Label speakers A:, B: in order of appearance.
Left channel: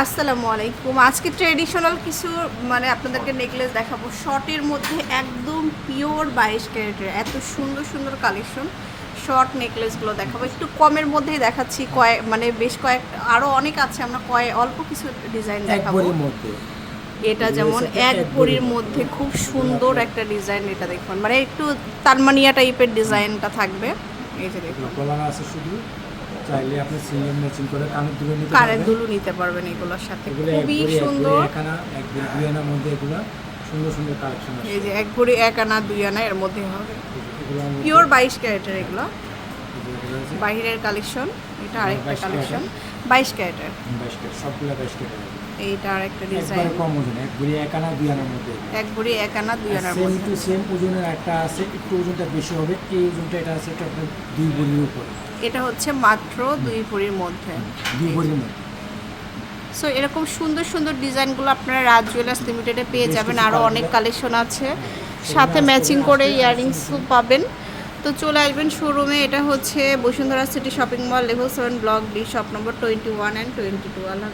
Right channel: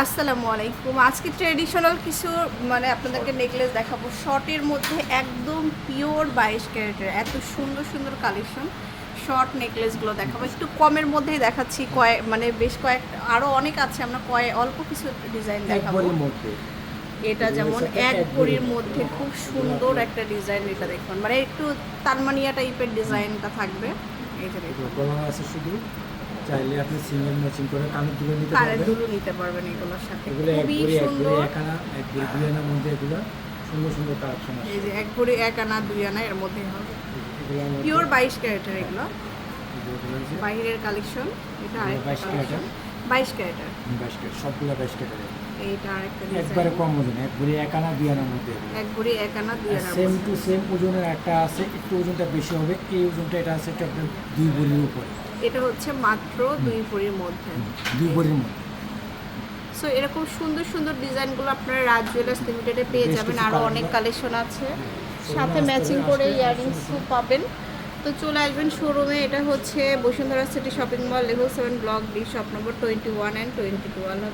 A: আসসালামু আলাইকুম। আজকে ট্রেডিশনাল কিছু মানে আপনাদেরকে নেকলেস দেখাবো। শর্টের মধ্যে একদম পিওর বাইশ ক্যারেটের এত সুন্দর সুন্দর কালেকশন শর্ট নেকলেসগুলো দেখাবো। একটু কমের মধ্যেই দেখাচ্ছি কয়েক মানে বেশ কয়েক আরও অনেক আছে আমরা কয়েক অল্প কিছু ডিজাইন দেখাবো। এটা যেমন এক ভরির মধ্যে। খুব সুন্দর একটা ডিজাইন এটা দেখুন। মানে একটু তানমানিয়া টাইপের ডিজাইনটা থাকবে। এই যে দেখুন।
B: আছে শুধু। চাইলে আপনি সিঙ্গেল ম্যাচিং করে কানের দুটো নিতে
A: কানের
B: পারবেন।
A: দুলু নিতে পারবেন এগুলোর সাথে।
B: এগুলো এক
A: খুবই সুন্দর।
B: এক আনা এক ভরি দুই আনার মধ্যে এগুলো সুন্দর সুন্দর কালেকশন আছে।
A: এই যে এক ভরি এক আনা দুই আনা এর মধ্যে হবে। পিওর বাইশ ক্যারেটের এগুলো। বাইরের কালেকশন এটা আরেকটা
B: 22
A: কালেকশন। বাইশ ক্যারেটের।
B: বাইশ কেজি সবগুলো বাইশ কেজি
A: এইটা আরেকটা
B: একবারে
A: ডিজাইন
B: কম ওজন এক ভরি এক আনা দুই আনার মধ্যে
A: এক ভরি এক আনা দুই আনার
B: সেম। টু সেম ওজনের একটা আছে একটু ওজনটা বেশি হবে এই ওজনটা এটা আছে এটা আপনার দুই ভরির উপরে।
A: এটা হচ্ছে মাত্র দুই ভরির মধ্যে।
B: দুই ভরির মধ্যে।
A: সো এরকম সুন্দর সুন্দর ডিজাইনগুলো আপনারা রাজ জুয়েলার্স লিমিটেডে পেয়ে যাবেন। আরও অনেক কালেকশন আছে। সাথে ম্যাচিং করে ইয়ারিংসও পাবেন। তো চলে আসবেন শোরুমে এটা হচ্ছে Bashundhara city shopping mall level seven block D shop number twenty one and twenty two Allah